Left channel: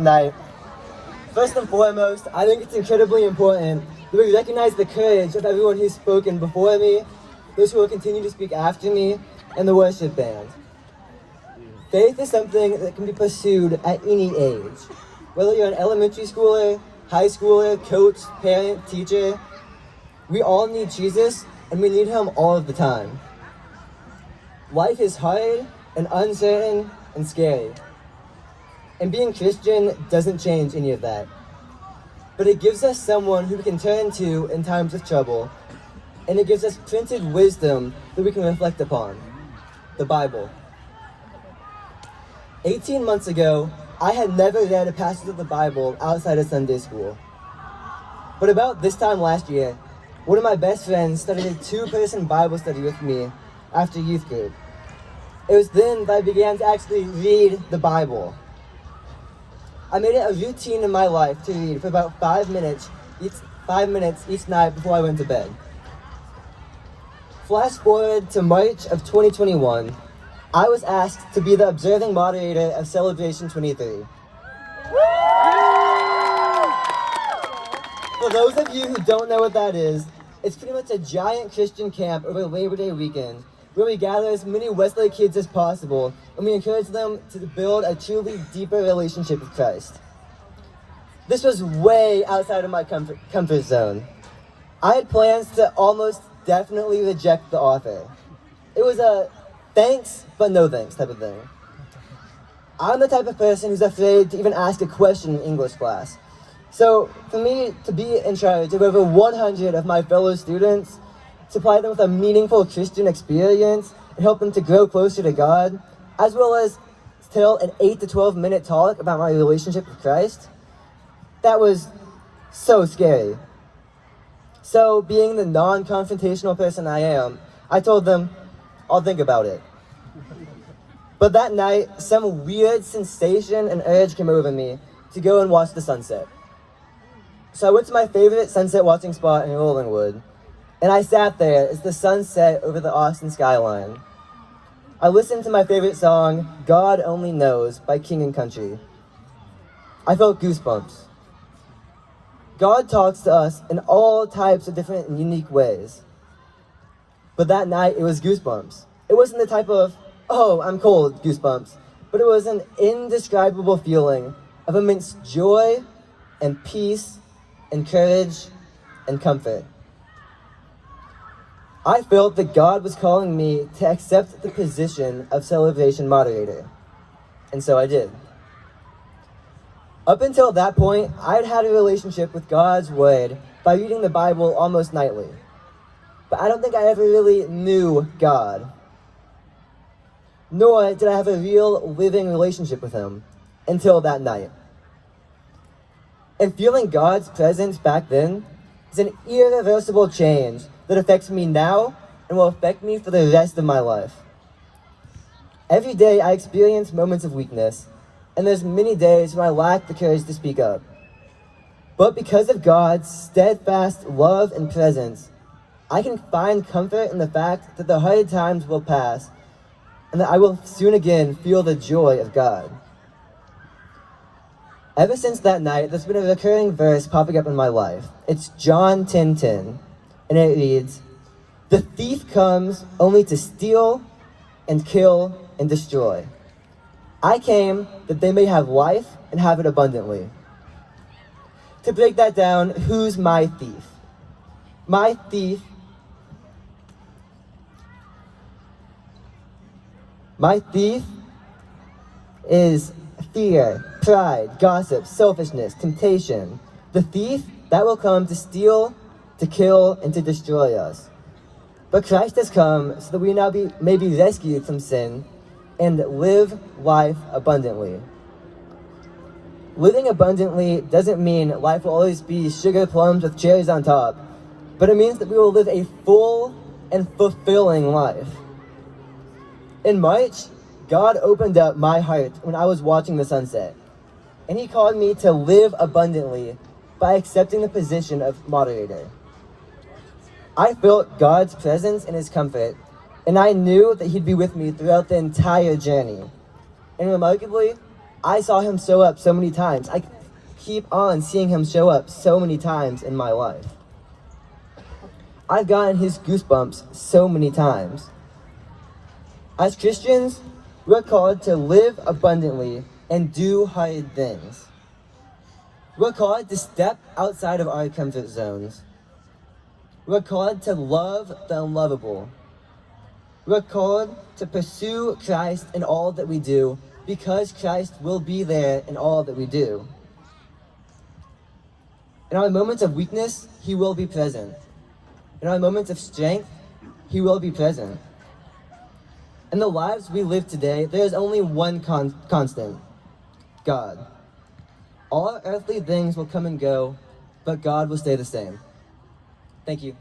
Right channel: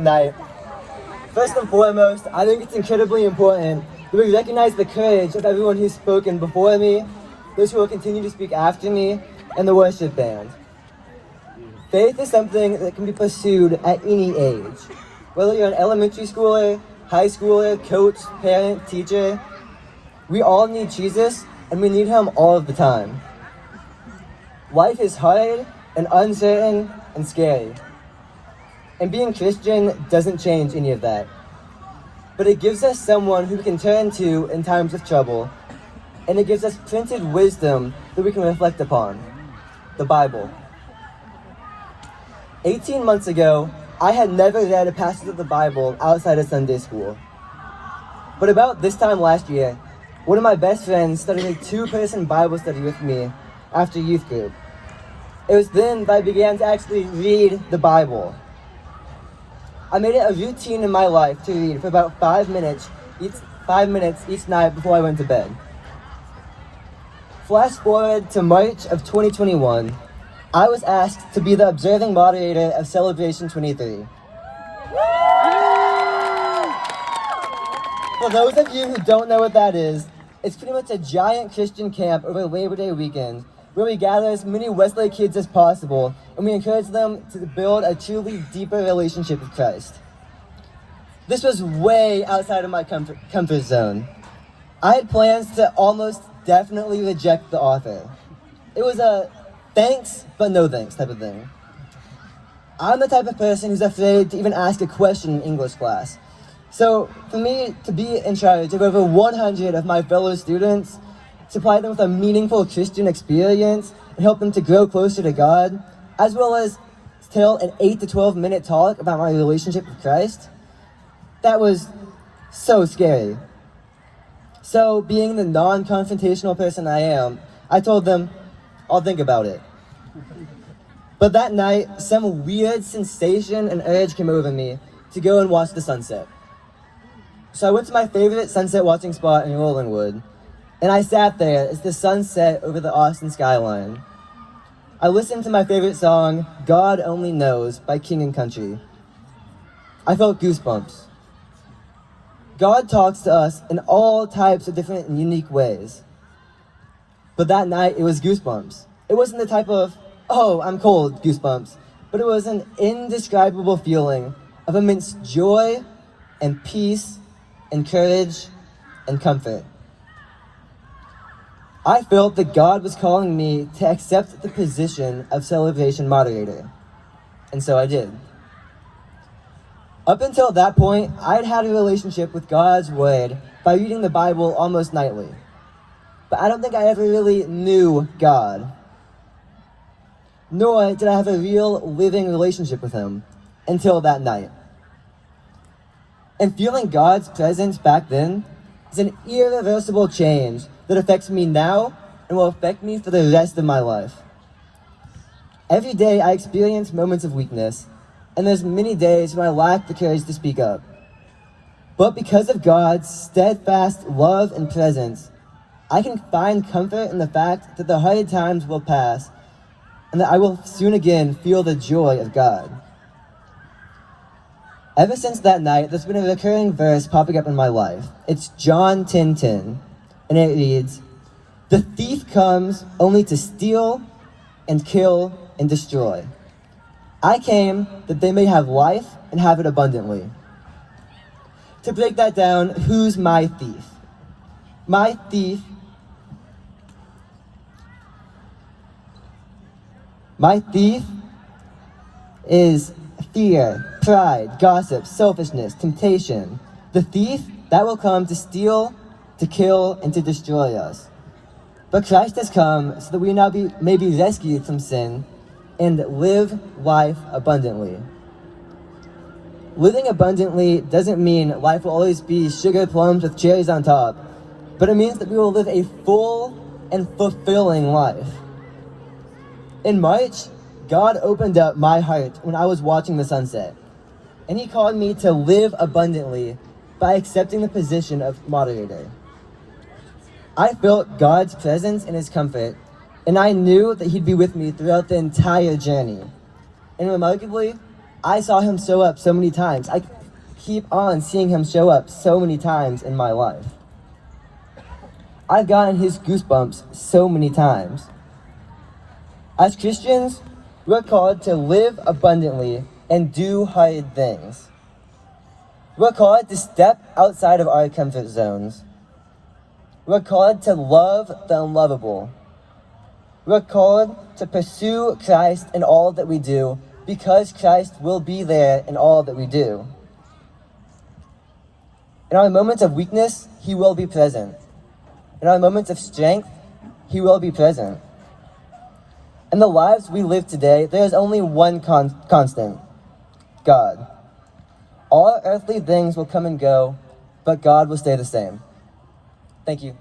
Night. First and foremost, I think it's incredibly important that we recognize the courage of everyone who's spoken before me, those who will continue to speak after me, and the worship band. Faith is something that can be pursued at any age. Whether you're an elementary schooler, high schooler, coach, parent, teacher, we all need Jesus, and we need him all of the time. Life is hard and uncertain and scary. And being Christian doesn't change any of that. But it gives us someone who we can turn to in times of trouble. And it gives us printed wisdom that we can reflect upon. The Bible. 18 months ago, I had never read a passage of the Bible outside of Sunday school. But about this time last year, one of my best friends started a 2-person Bible study with me after youth group. It was then that I began to actually read the Bible. I made it a routine in my life to read for about 5 minutes each night before I went to bed. Flash forward to March of 2021, I was asked to be the observing moderator of Celebration 23. For those of you who don't know what that is, it's pretty much a giant Christian camp over Labor Day weekend where we gather as many Westlake kids as possible and we encourage them to build a truly deeper relationship with Christ. This was way outside of my comfort zone. I had plans to almost definitely reject the offer. It was a thanks, but no thanks type of thing. I'm the type of person who's afraid to even ask a question in English class. So for me to be in charge of over 100 of my fellow students, supply them with a meaningful Christian experience, and help them to grow closer to God, as well as tell an 8 to 12 minute talk about my relationship with Christ, that was so scary. So being the non-confrontational person I am, I told them, I'll think about it. But that night, some weird sensation and urge came over me to go and watch the sunset. So I went to my favorite sunset watching spot in Rollingwood, and I sat there as the sun set over the Austin skyline. I listened to my favorite song, God Only Knows by King and Country. I felt goosebumps. God talks to us in all types of different and unique ways. But that night, it was goosebumps. It wasn't the type of, oh, I'm cold goosebumps, but it was an indescribable feeling of immense joy and peace and courage and comfort. I felt that God was calling me to accept the position of celebration moderator, and so I did. Up until that point, I'd had a relationship with God's Word by reading the Bible almost nightly, but I don't think I ever really knew God. Nor did I have a real living relationship with Him until that night. And feeling God's presence back then is an irreversible change that affects me now and will affect me for the rest of my life. Every day I experience moments of weakness, and there's many days when I lack the courage to speak up. But because of God's steadfast love and presence, I can find comfort in the fact that the hard times will pass and that I will soon again feel the joy of God. Ever since that night, there's been a recurring verse popping up in my life. It's John 10:10, and it reads, "The thief comes only to steal and kill and destroy. I came that they may have life and have it abundantly." To break that down, who's my thief? My thief is fear, pride, gossip, selfishness, temptation. The thief, that will come to steal, to kill, and to destroy us. But Christ has come so that we now may be rescued from sin and live life abundantly. Living abundantly doesn't mean life will always be sugar plums with cherries on top, but it means that we will live a full and fulfilling life. In March, God opened up my heart when I was watching the sunset, and He called me to live abundantly by accepting the position of moderator. I felt God's presence and His comfort, and I knew that He'd be with me throughout the entire journey. And remarkably, I saw him show up so many times. I keep on seeing him show up so many times in my life. I've gotten his goosebumps so many times. As Christians, we're called to live abundantly and do hard things. We're called to step outside of our comfort zones. We're called to love the unlovable. We're called to pursue Christ in all that we do, because Christ will be there in all that we do. In our moments of weakness, he will be present. In our moments of strength, he will be present. In the lives we live today, there is only one constant: God. All earthly things will come and go, but God will stay the same. Thank you.